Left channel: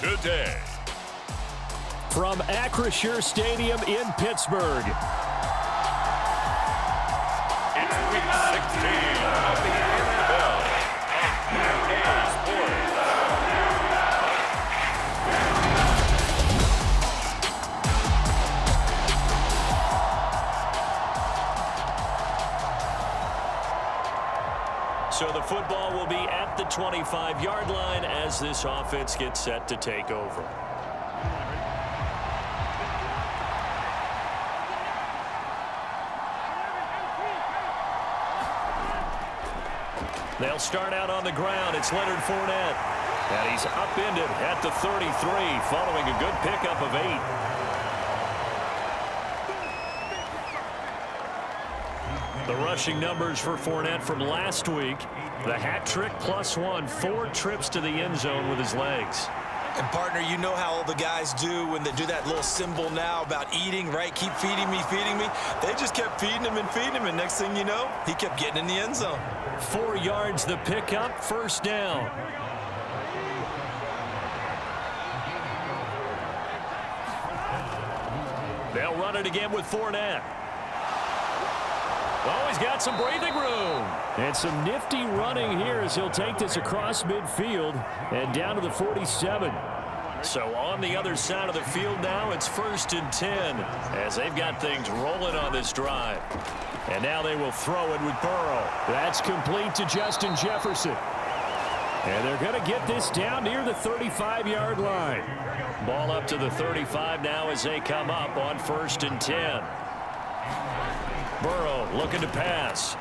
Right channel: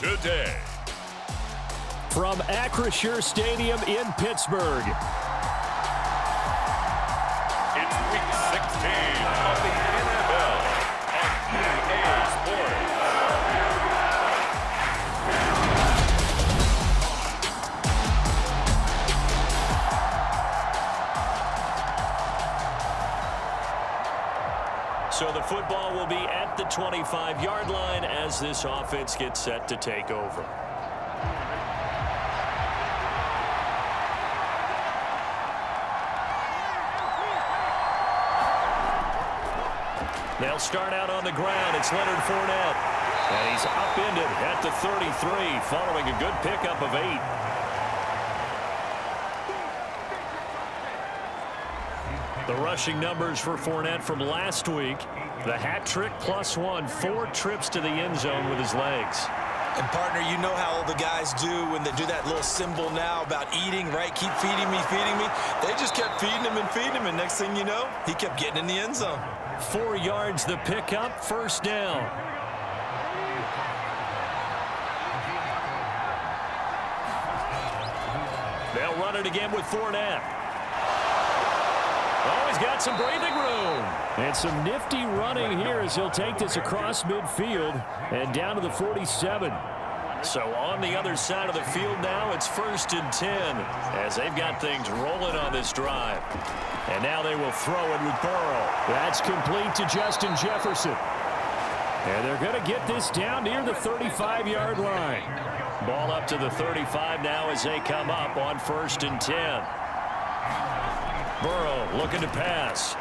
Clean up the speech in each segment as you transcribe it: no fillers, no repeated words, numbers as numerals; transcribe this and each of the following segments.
today. From Acrisure Stadium in Pittsburgh. It's Week 16 of the NFL on EA Sports. So the football will be at the 25-yard line as this offense gets set to take over. They'll start out on the ground. It's Leonard Fournette. And he's upended at the 33 following a good pickup of 8. The rushing numbers for Fournette from last week. The hat trick +1, 4 trips to the end zone with his legs. And, partner, you know how all the guys do when they do that little symbol now about eating, right? Keep feeding me, feeding me. They just kept feeding him, and next thing you know, he kept getting in the end zone. 4 yards the pickup, first down. They'll run it again with Fournette. Oh, he's got some breathing room. And some nifty running here as he'll take this across midfield and down to the 47. So on the other side of the field now, it's 1st and 10 as they've got things rolling on this drive. And now they will throw it with Burrow. That's complete to Justin Jefferson. And they're going to get this down near the 35-yard line. Ball up to the 35 now as they come up on 1st and 10. Burrow looking to pass.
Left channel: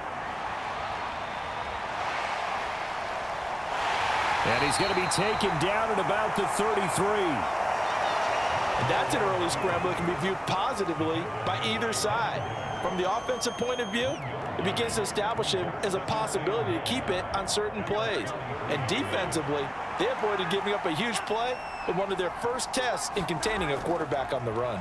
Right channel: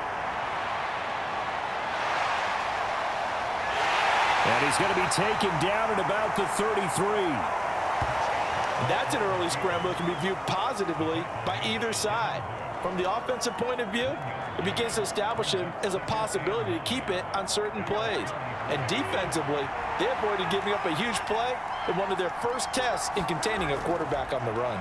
And he's going to be taken down at about the 33. That's an early scramble that can be viewed positively by either side. From the offensive point of view, it begins to establish him as a possibility to keep it on certain plays. And defensively, they avoided giving up a huge play in one of their first tests in containing a quarterback on the run.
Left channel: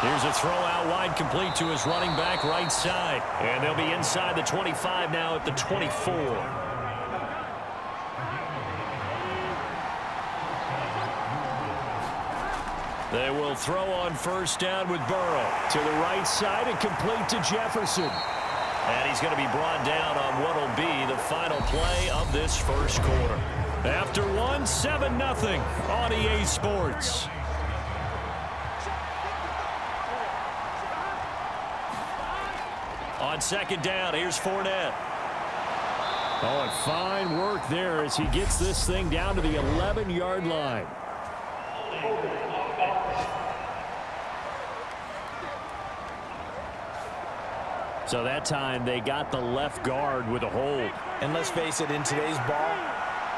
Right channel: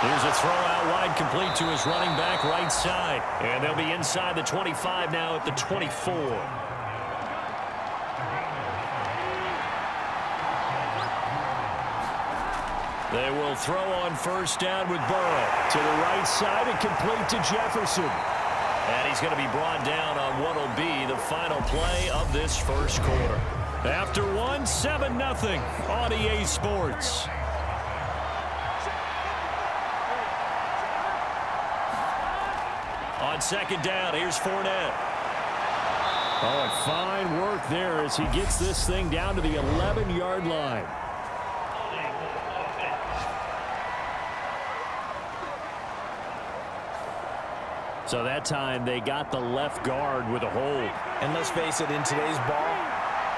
Here's a throw out wide complete to his running back right side. And they'll be inside the 25 now at the 24. They will throw on first down with Burrow. To the right side and complete to Jefferson. And he's going to be brought down on what will be the final play of this first quarter. After 7-0 on EA Sports. On second down, here's Fournette. Oh, and fine work there as he gets this thing down to the 11-yard line. So that time they got the left guard with a hold. And let's face it, in today's ball,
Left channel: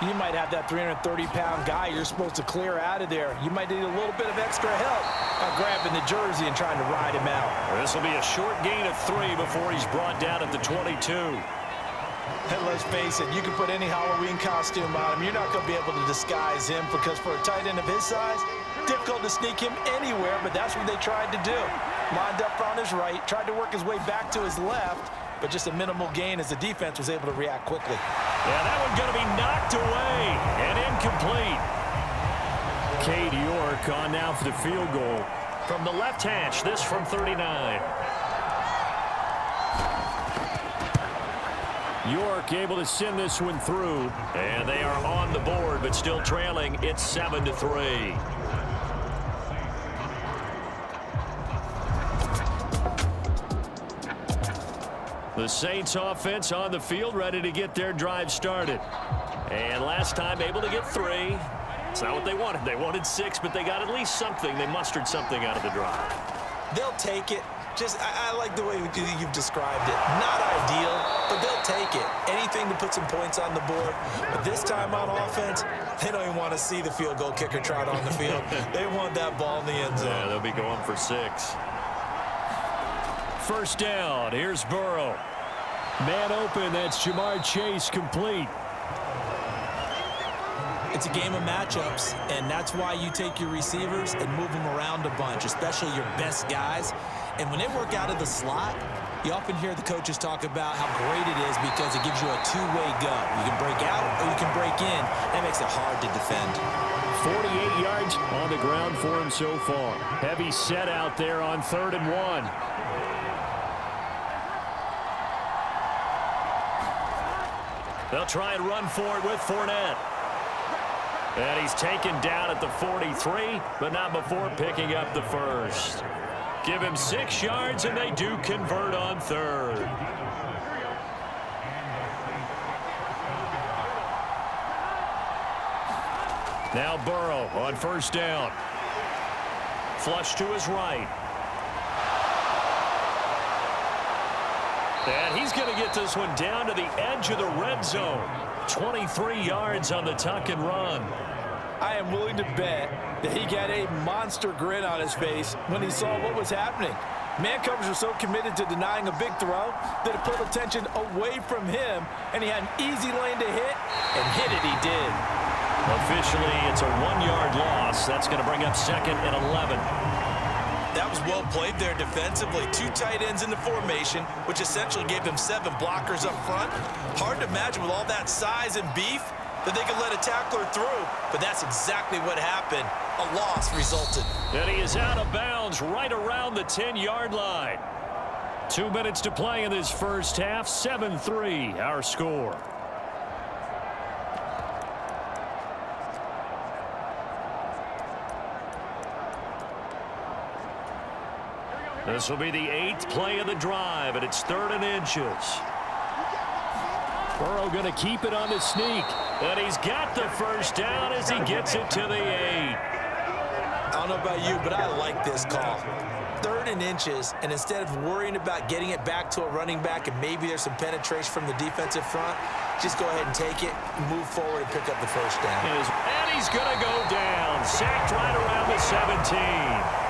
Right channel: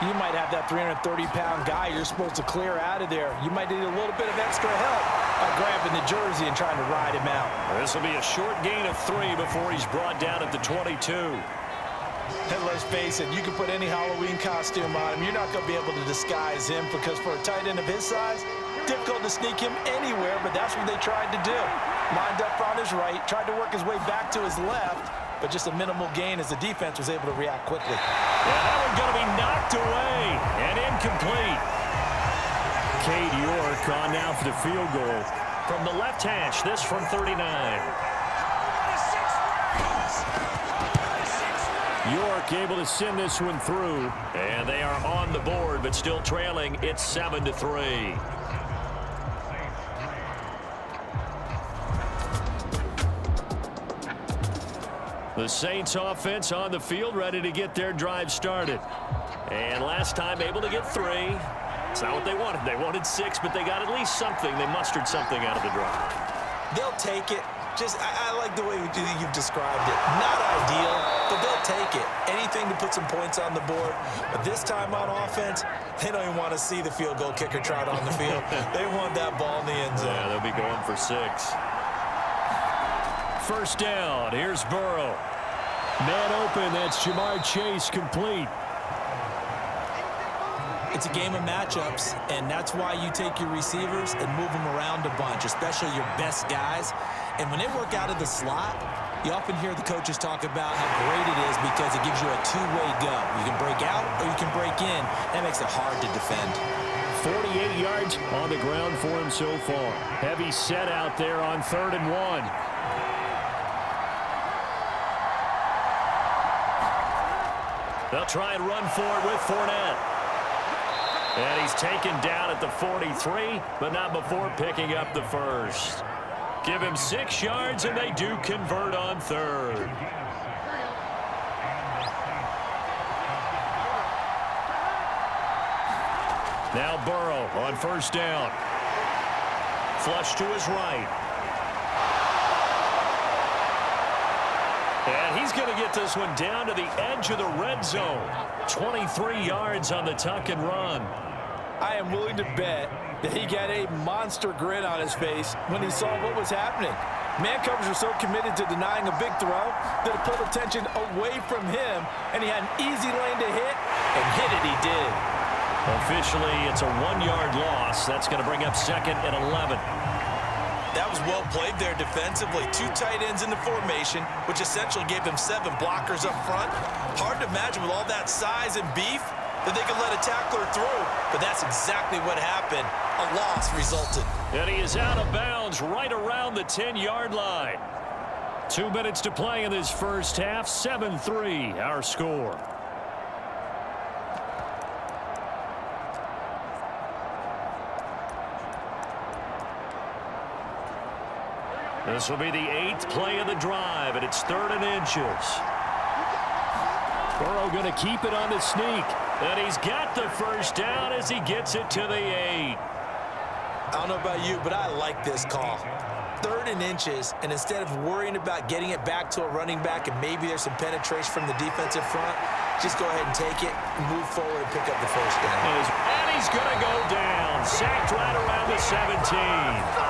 you might have that 330-pound guy you're supposed to clear out of there. You might need a little bit of extra help by grabbing the jersey and trying to ride him out. This will be a short gain of 3 before he's brought down at the 22. And let's face it, you can put any Halloween costume on him. You're not going to be able to disguise him because for a tight end of his size, difficult to sneak him anywhere, but that's what they tried to do. Lined up on his right, tried to work his way back to his left, but just a minimal gain as the defense was able to react quickly. Yeah, that one's going to be knocked away and incomplete. Cade York on now for the field goal. From the left hash, this from 39. York able to send this one through. And they are on the board, but still trailing. It's 7-3. The Saints offense on the field ready to get their drive started. And last time able to get 3. It's not what they wanted. They wanted 6, but they got at least something. They mustered something out of the drive. They'll take it. I like the way you've described it. Not ideal, but they'll take it. Anything to put some points on the board. But this time on offense, they don't even want to see the field goal kicker trot on the field. They want that ball in the end zone. Yeah, they'll be going for 6. First down. Here's Burrow. Man open. That's Jamar Chase complete. It's a game of matchups, and that's why you take your receivers and move them around a bunch, especially your best guys. And when they work out of the slot, you often hear the coaches talk about how great it is because it gives you a two-way go. You can break out or you can break in. That makes it hard to defend. 48 yards on the ground for him so far. Heavy set out there on 3rd and 1. They'll try and run for it with Fournette. And he's taken down at the 43, but not before picking up the first. Give him 6 yards, and they do convert on 3rd. Now Burrow on 1st down. Flush to his right. And he's going to get this one down to the edge of the red zone. 23 yards on the tuck and run. I am willing to bet that he got a monster grin on his face when he saw what was happening. Man covers are so committed to denying a big throw that it pulled attention away from him, and he had an easy lane to hit, and hit it he did. Officially, it's a 1-yard loss. That's going to bring up 2nd and 11. That was well played there defensively. 2 tight ends in the formation, which essentially gave them 7 blockers up front. Hard to imagine with all that size and beef that they could let a tackler through, but that's exactly what happened. A loss resulted. And he is out of bounds right around the 10-yard line. 2 minutes to play in this first half. 7-3, our score. This will be the 8th play of the drive, and it's 3rd and inches. Burrow going to keep it on the sneak. And he's got the first down as he gets it to the 8. I don't know about you, but I like this call. 3rd and inches, and instead of worrying about getting it back to a running back and maybe there's some penetration from the defensive front, just go ahead and take it, move forward, and pick up the first down. And he's going to go down. Sacked right around the 17.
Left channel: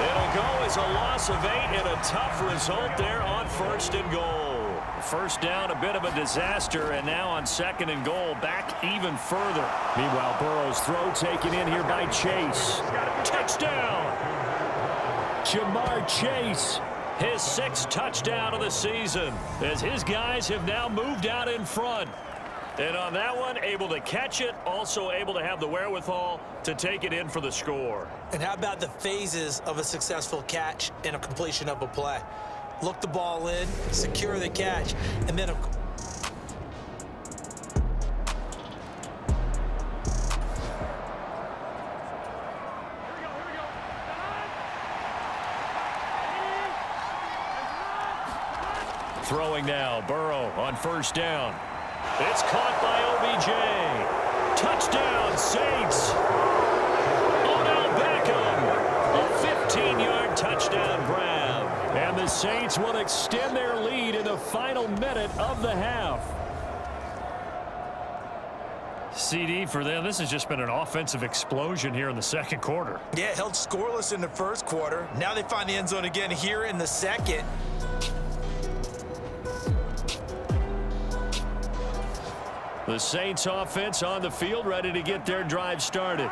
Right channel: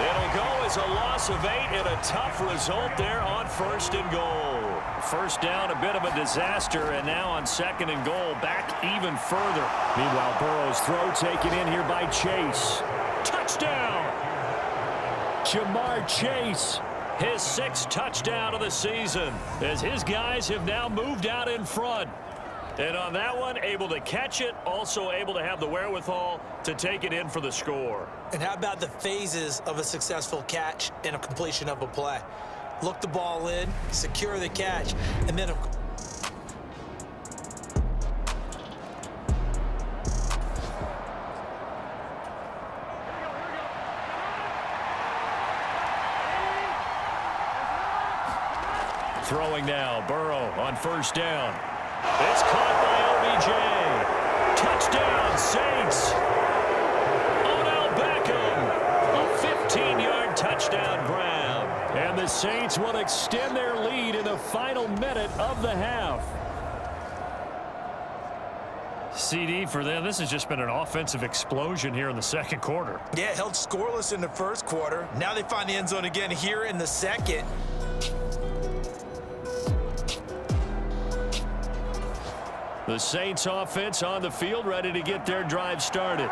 It'll go as a loss of 8 and a tough result there on 1st and goal. First down, a bit of a disaster, and now on 2nd and goal, back even further. Meanwhile, Burrow's throw taken in here by Chase. Touchdown! Jamar Chase, his 6th touchdown of the season, as his guys have now moved out in front. And on that one, able to catch it, also able to have the wherewithal to take it in for the score. And how about the phases of a successful catch and a completion of a play? Look the ball in, secure the catch, and then throwing now, Burrow on 1st down. It's caught by OBJ. Touchdown, Saints. Odell Beckham. A 15-yard touchdown grab. And the Saints will extend their lead in the final minute of the half. CD for them, this has just been an offensive explosion here in the 2nd quarter. Yeah, held scoreless in the 1st quarter. Now they find the end zone again here in the 2nd. The Saints offense on the field, ready to get their drive started.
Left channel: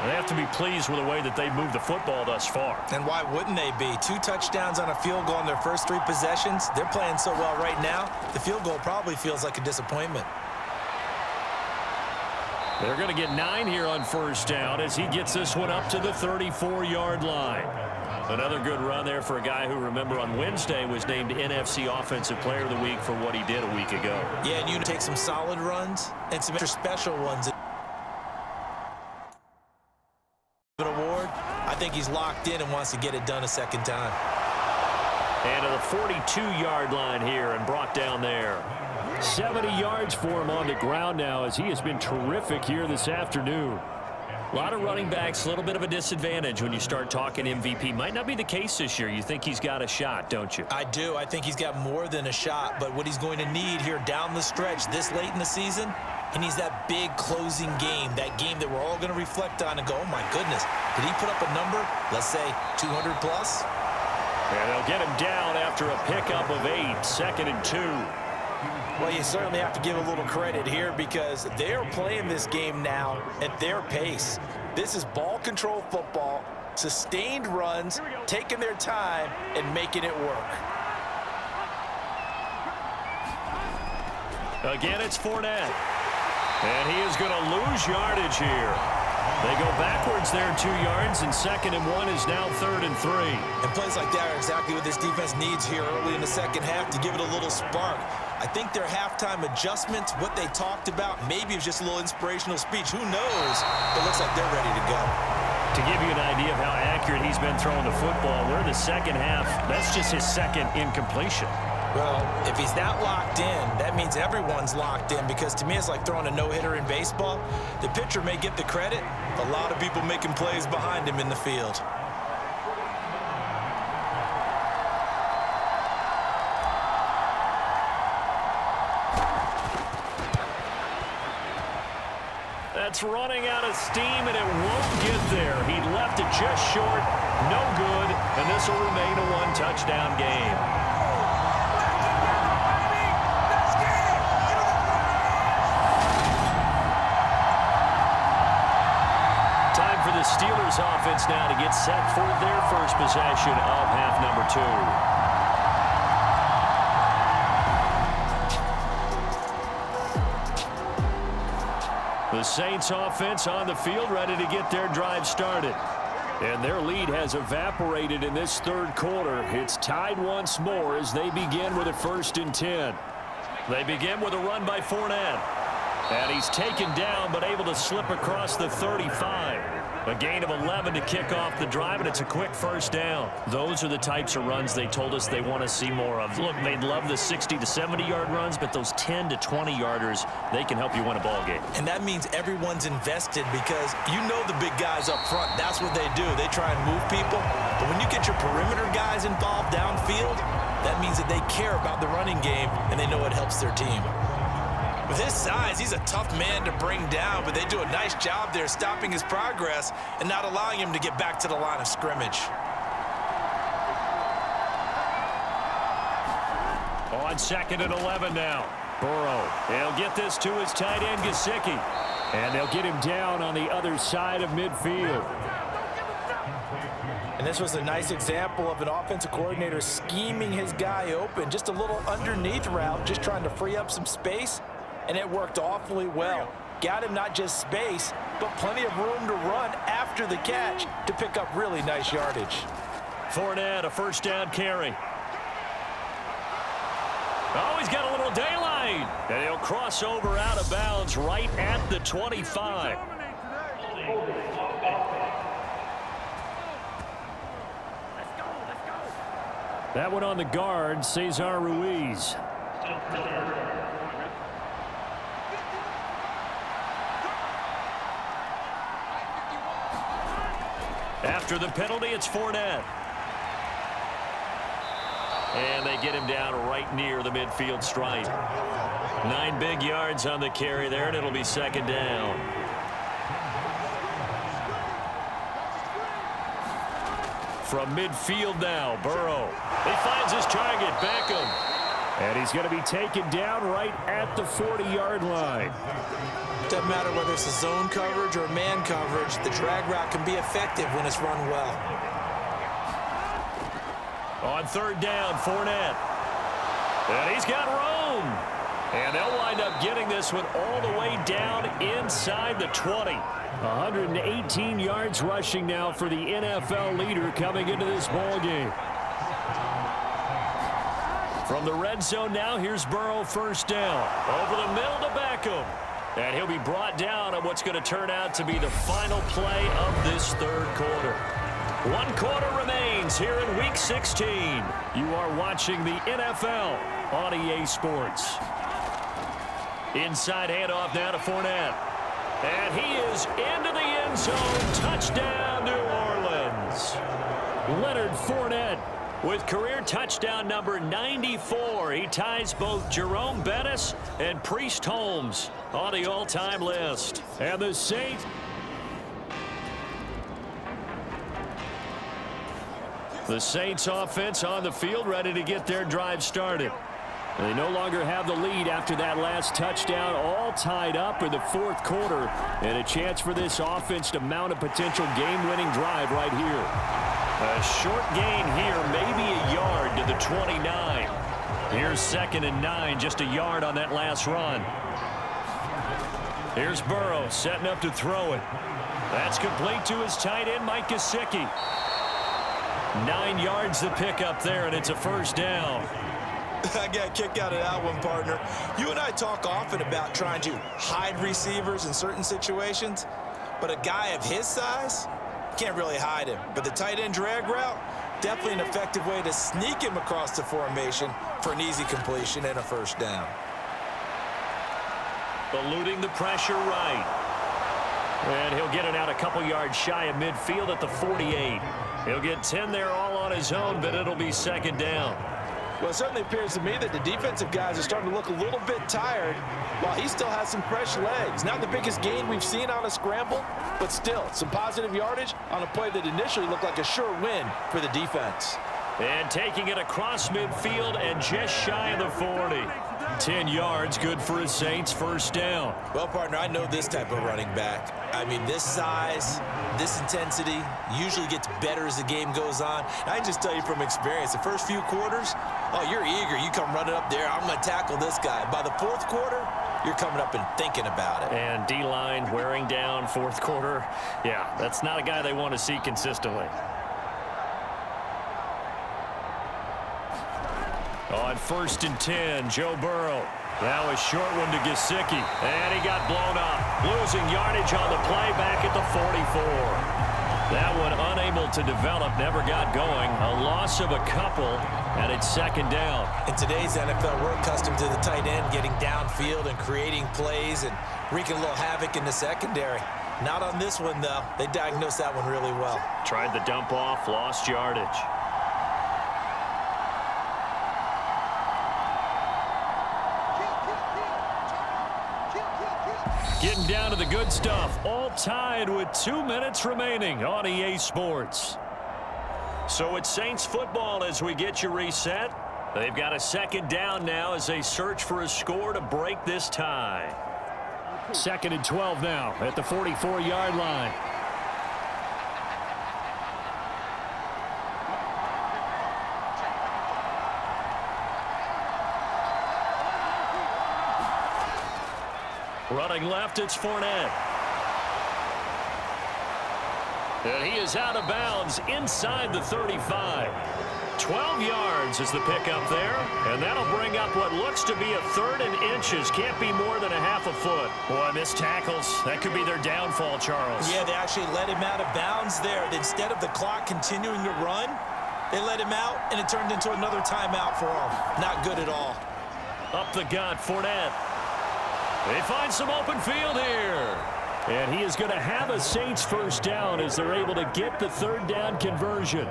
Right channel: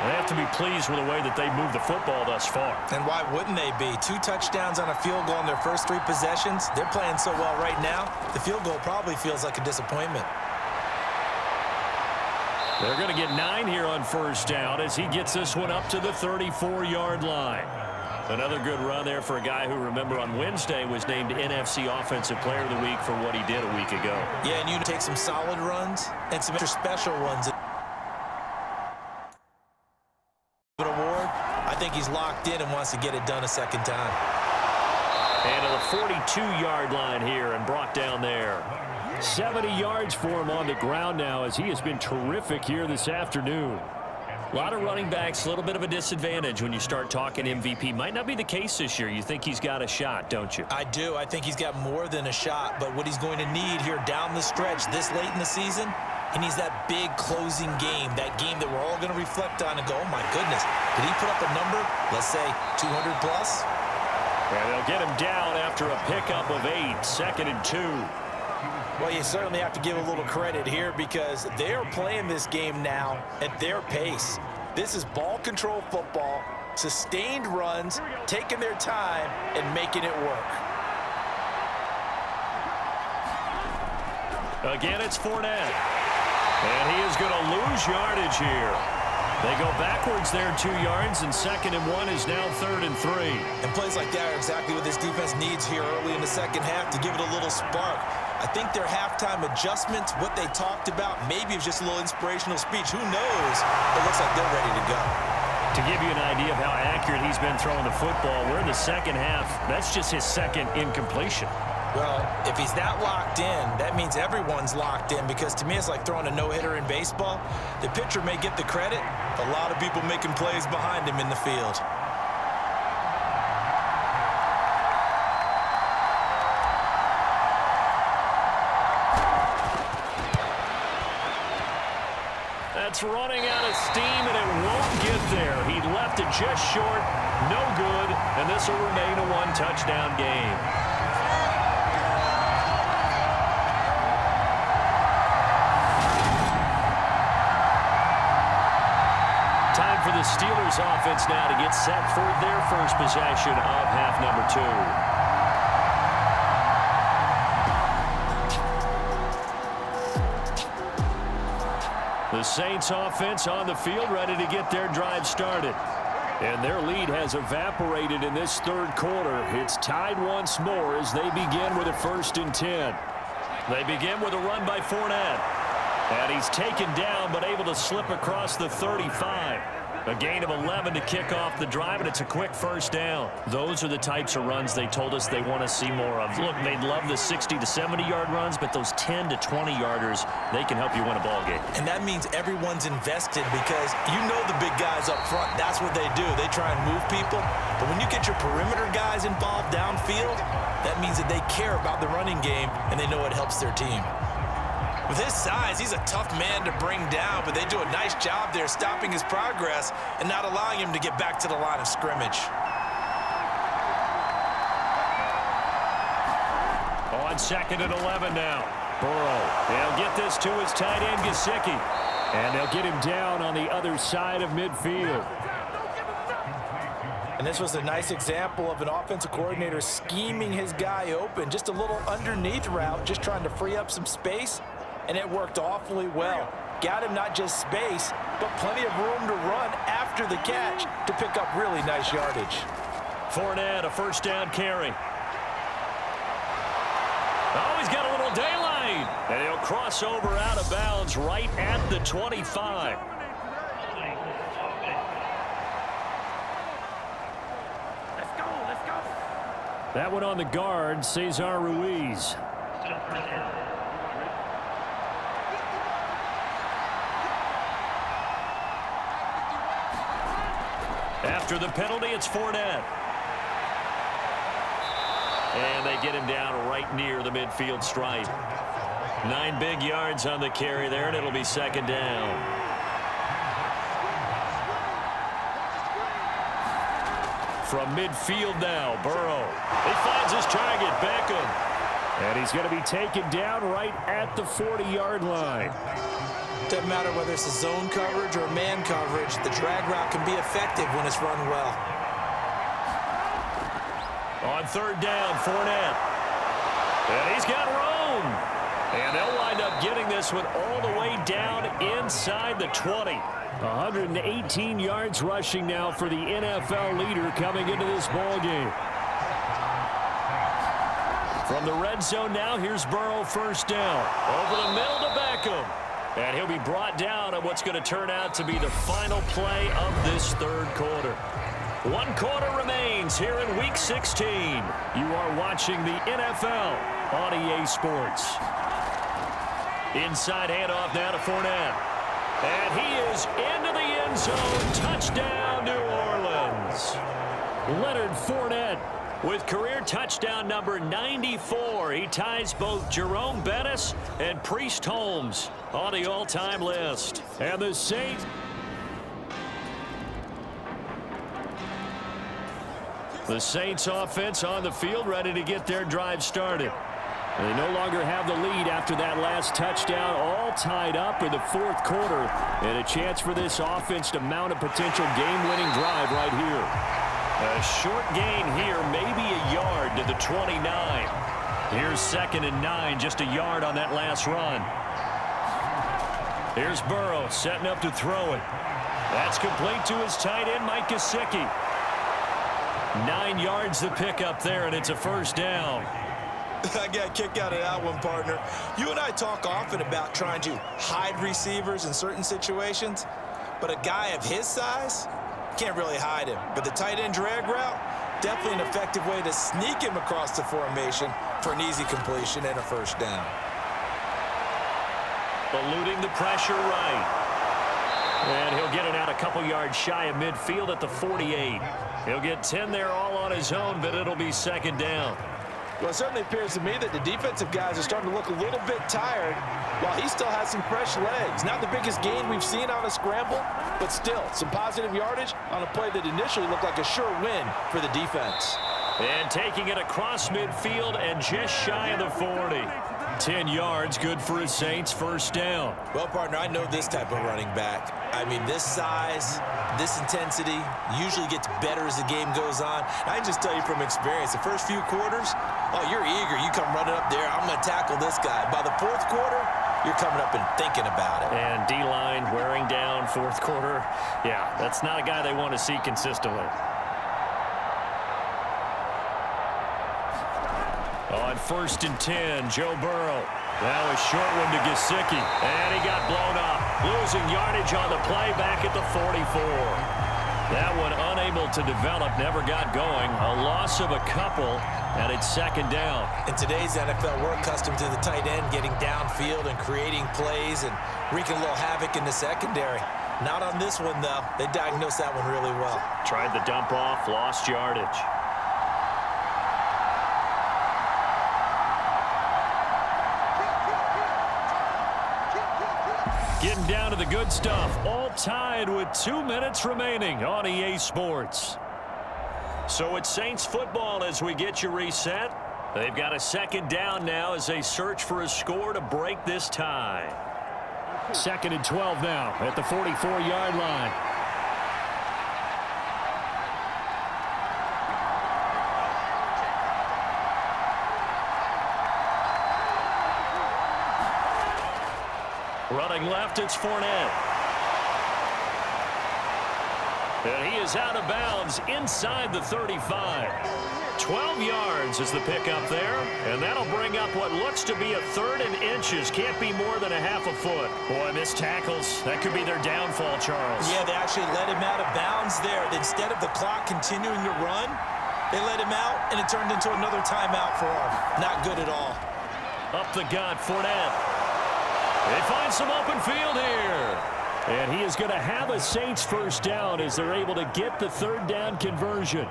They have to be pleased with the way that they've moved the football thus far. And why wouldn't they be? 2 touchdowns on a field goal in their first 3 possessions. They're playing so well right now, the field goal probably feels like a disappointment. They're going to get 9 here on 1st down as he gets this one up to the 34-yard line. Another good run there for a guy who, remember, on Wednesday was named NFC Offensive Player of the Week for what he did a week ago. Yeah, and you take some solid runs and some extra special ones. An award, I think he's locked in and wants to get it done a 2nd time. And to the 42-yard line here and brought down there. 70 yards for him on the ground now as he has been terrific here this afternoon. A lot of running backs, a little bit of a disadvantage when you start talking MVP. Might not be the case this year. You think he's got a shot, don't you? I do. I think he's got more than a shot, but what he's going to need here down the stretch this late in the season, he needs that big closing game, that game that we're all going to reflect on and go, oh my goodness, did he put up a number, let's say 200 plus? And they'll get him down after a pickup of 8, 2nd and 2. Well, you certainly have to give a little credit here because they're playing this game now at their pace. This is ball control football, sustained runs, taking their time, and making it work. Again, it's Fournette. And he is going to lose yardage here. They go backwards there 2 yards, and 2nd and 1 is now 3rd and 3. And plays like that are exactly what this defense needs here early in the second half to give it a little spark. I think their halftime adjustments, what they talked about, maybe it was just a little inspirational speech. Who knows? It looks like they're ready to go. To give you an idea of how accurate he's been throwing the football, we're in the second half. That's just his second incompletion. Well, if he's that locked in, that means everyone's locked in because to me it's like throwing a no-hitter in baseball. The pitcher may get the credit, but a lot of people making plays behind him in the field. That's running out of steam, and it won't get there. He left it just short, no good, and this will remain a one-touchdown game. Time for the Steelers offense now to get set for their first possession of half number 2. The Saints offense on the field ready to get their drive started. And their lead has evaporated in this third quarter. It's tied once more as they begin with a 1st and 10. They begin with a run by Fournette. And he's taken down but able to slip across the 35. A gain of 11 to kick off the drive, and it's a quick first down. Those are the types of runs they told us they want to see more of. Look, they'd love the 60 to 70-yard runs, but those 10 to 20-yarders, they can help you win a ball game. And that means everyone's invested because you know the big guys up front. That's what they do. They try and move people. But when you get your perimeter guys involved downfield, that means that they care about the running game, and they know it helps their team. With his size, he's a tough man to bring down, but they do a nice job there stopping his progress and not allowing him to get back to the line of scrimmage. On 2nd and 11 now. Burrow, they'll get this to his tight end, Gesicki. And they'll get him down on the other side of midfield. And this was a nice example of an offensive coordinator scheming his guy open. Just a little underneath route, just trying to free up some space. And it worked awfully well. Got him not just space, but plenty of room to run after the catch to pick up really nice yardage. Fournette, a first down carry. Oh, he's got a little daylight. And he'll cross over out of bounds right at the 25. Let's go. That one on the guard, Cesar Ruiz. After the penalty, it's Fournette. And they get him down right near the midfield stripe. 9 big yards on the carry there, and it'll be 2nd down. From midfield now, Burrow. He finds his target, Beckham. And he's going to be taken down right at the 40-yard line. Doesn't matter whether it's a zone coverage or man coverage, the drag route can be effective when it's run well. On 3rd down, Fournette. And he's got room. And they'll wind up getting this one all the way down inside the 20. 118 yards rushing now for the NFL leader coming into this ball game. From the red zone now, here's Burrow, 1st down. Over the middle to Beckham. And he'll be brought down on what's going to turn out to be the final play of this third quarter. 1 quarter remains here in Week 16. You are watching the NFL on EA Sports. Inside handoff now to Fournette. And he is into the end zone. Touchdown, New Orleans. Leonard Fournette with career touchdown number 94. He ties both Jerome Bettis and Priest Holmes on the all-time list. And the Saints... The Saints offense on the field ready to get their drive started. And they no longer have the lead after that last touchdown, all tied up in the fourth quarter. And a chance for this offense to mount a potential game-winning drive right here. A short gain here, maybe a yard to the 29. Here's 2nd and 9, just a yard on that last run. Here's Burrow setting up to throw it. That's complete to his tight end, Mike Gesicki. 9 yards to pick up there, and it's a first down. I got a kick out of that one, partner. You and I talk often about trying to hide receivers in certain situations, but a guy of his size can't really hide him. But the tight end drag route, definitely an effective way to sneak him across the formation for an easy completion and a first down. Eluding the pressure right. And he'll get it out a couple yards shy of midfield at the 48. He'll get 10 there all on his own, but it'll be 2nd down. Well, it certainly appears to me that the defensive guys are starting to look a little bit tired while he still has some fresh legs. Not the biggest gain we've seen on a scramble, but still some positive yardage on a play that initially looked like a sure win for the defense. And taking it across midfield and just shy of the 40. 10 yards, good for his Saints, first down. Well, partner, I know this type of running back. I mean, this size, this intensity usually gets better as the game goes on. And I can just tell you from experience, the first few quarters, oh, you're eager. You come running up there, I'm going to tackle this guy. By the fourth quarter, you're coming up and thinking about it. And D-line wearing down fourth quarter. Yeah, that's not a guy they want to see consistently. On 1st and 10, Joe Burrow. Now a short one to Gesicki. And he got blown up. Losing yardage on the play back at the 44. That one unable to develop, never got going. A loss of a couple, and it's 2nd down. In today's NFL, we're accustomed to the tight end getting downfield and creating plays and wreaking a little havoc in the secondary. Not on this one, though. They diagnosed that one really well. Tried the dump off, lost yardage. Getting down to the good stuff, all tied with 2 minutes remaining on EA Sports. So it's Saints football as we get you reset. They've got a 2nd down now as they search for a score to break this tie. 2nd and 12 now at the 44-yard line. Running left, it's Fournette. And he is out of bounds inside the 35. 12 yards is the pickup there, and that'll bring up what looks to be a 3rd and inches. Can't be more than a half a foot. Boy, missed tackles. That could be their downfall, Charles. Yeah, they actually let him out of bounds there. Instead of the clock continuing to run, they let him out, and it turned into another timeout for him. Not good at all. Up the gut, Fournette. They find some open field here. And he is going to have a Saints first down as they're able to get the 3rd down conversion.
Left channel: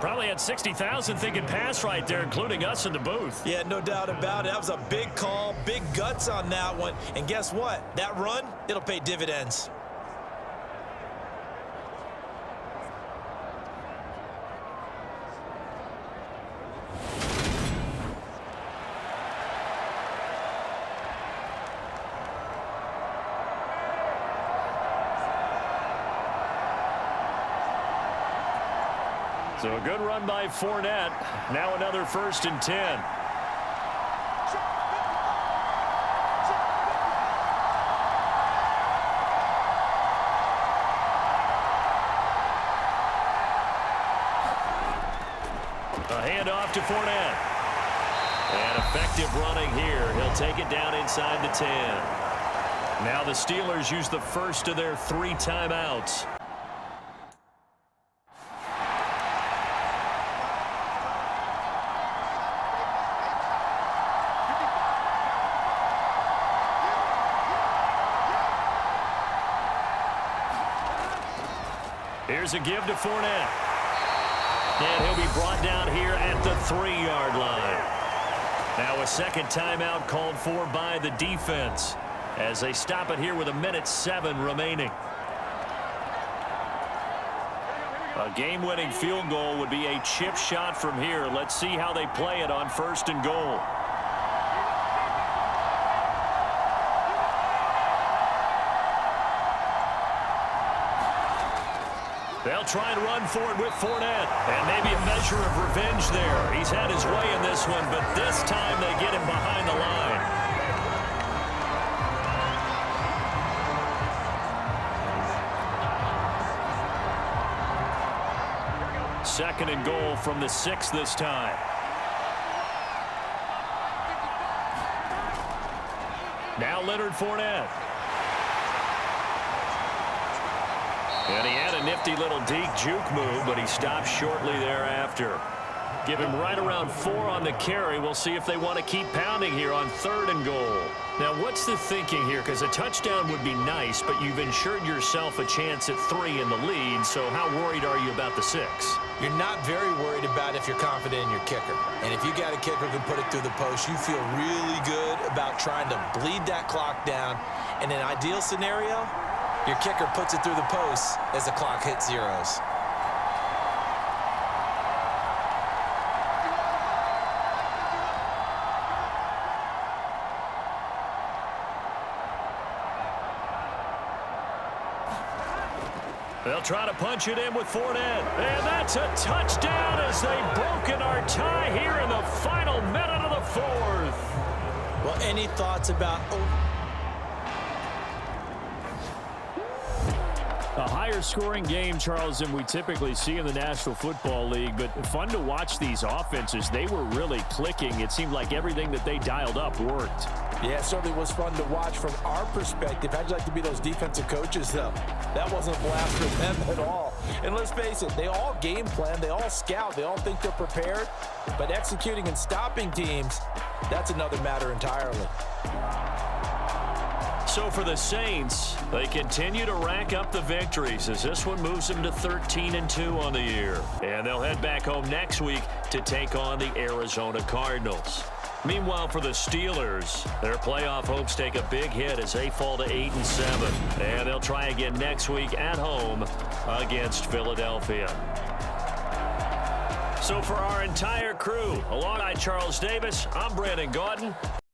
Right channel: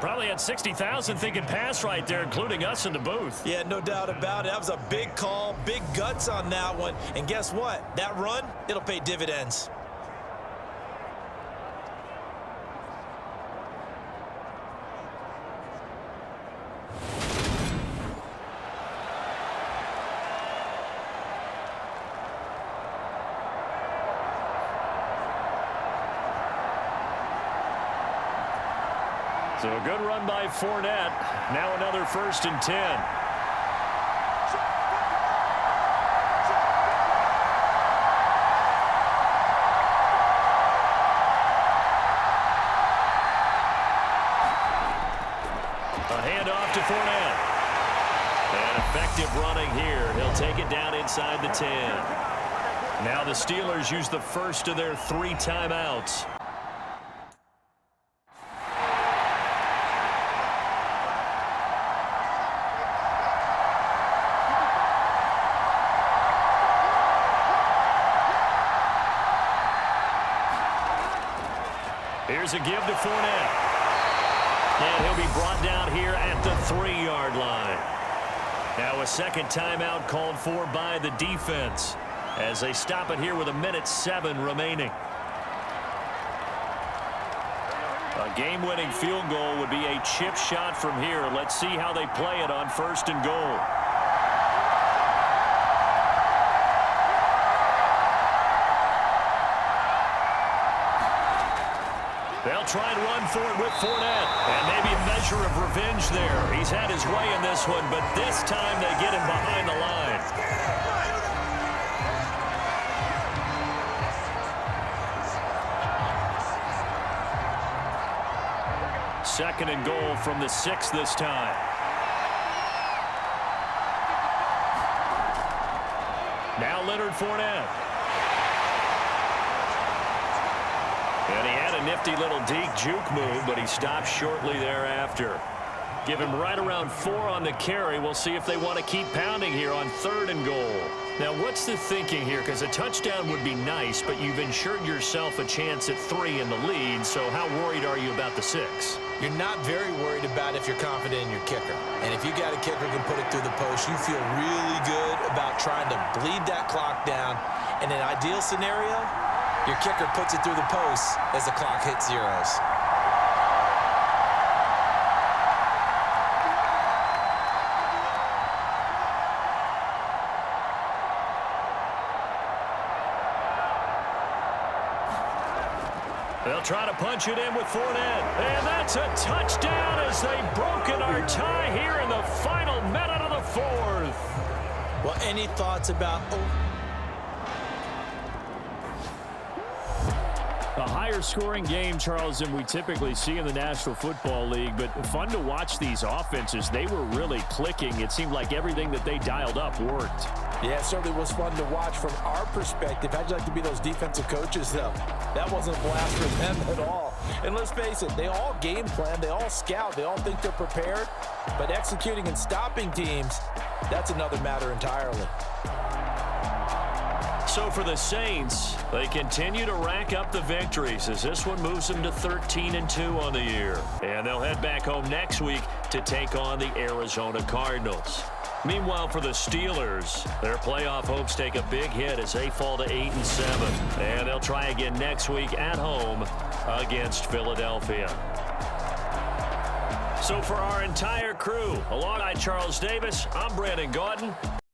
Probably had 60,000 thinking pass right there, including us in the booth. Yeah, no doubt about it. That was a big call, big guts on that one. And guess what? That run, it'll pay dividends. So a good run by Fournette. Now another 1st and 10. A handoff to Fournette. And effective running here. He'll take it down inside the 10. Now the Steelers use the first of their 3 timeouts. Here's a give to Fournette. And he'll be brought down here at the 3-yard line. Now a 2nd timeout called for by the defense as they stop it here with 1:07 remaining. A game-winning field goal would be a chip shot from here. Let's see how they play it on 1st and goal. They'll try and run for it with Fournette. And maybe a measure of revenge there. He's had his way in this one, but this time they get him behind the line. Second and goal from the 6 this time. Now Leonard Fournette. And he had a nifty little deke juke move, but he stopped shortly thereafter. Give him right around 4 on the carry. We'll see if they want to keep pounding here on 3rd and goal. Now, what's the thinking here? Because a touchdown would be nice, but you've ensured yourself a chance at 3 in the lead, so how worried are you about the 6? You're not very worried about if you're confident in your kicker. And if you got a kicker who can put it through the post, you feel really good about trying to bleed that clock down. In an ideal scenario, your kicker puts it through the post as the clock hits zeros. They'll try to punch it in with Fournette. And that's a touchdown as they've broken our tie here in the final minute of the 4th. Well, any thoughts about... A higher scoring game, Charles, than we typically see in the National Football League, but fun to watch these offenses. They were really clicking. It seemed like everything that they dialed up worked. Yeah, it certainly was fun to watch from our perspective. How'd you like to be those defensive coaches, though? That wasn't a blast for them at all. And let's face it, they all game plan, they all scout, they all think they're prepared, but executing and stopping teams, that's another matter entirely. So for the Saints, they continue to rack up the victories as this one moves them to 13-2 on the year. And they'll head back home next week to take on the Arizona Cardinals. Meanwhile, for the Steelers, their playoff hopes take a big hit as they fall to 8-7. And they'll try again next week at home against Philadelphia. So for our entire crew, alongside Charles Davis, I'm Brandon Gaudin.